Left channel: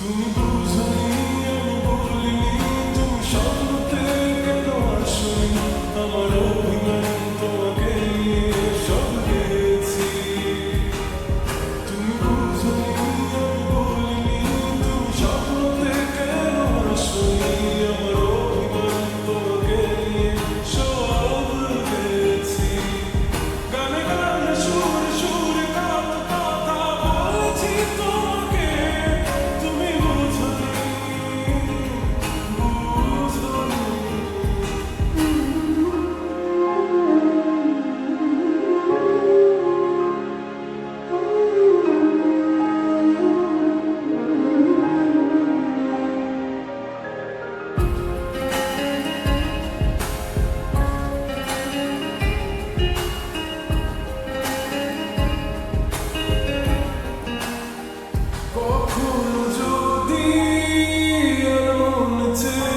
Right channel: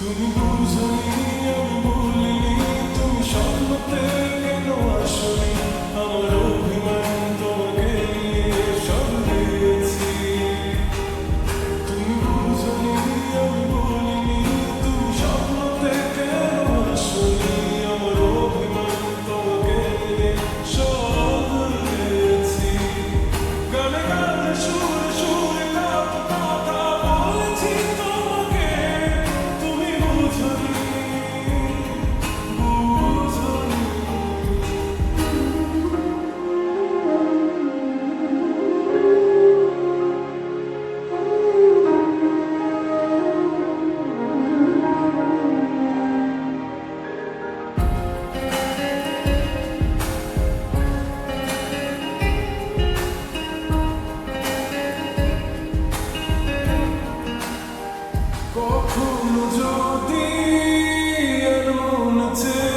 তুমি বুঝনি আমি বলিনি, তুমি স্বপ্নতে কেন আসনি, আমার অভিমান তোমাকে নিয়ে সব গেছি। তুমি বুঝনি আমি বলিনি, তুমি স্বপ্নতে কেন আসনি, আমার অভিমান তোমাকে নিয়ে সব গেছি। গানে গানে সুরে সুরে কত কথা বলেছি তোমাকে, তুমি বুঝনি বুঝনি। কখনো যদি আর মন চেয়ে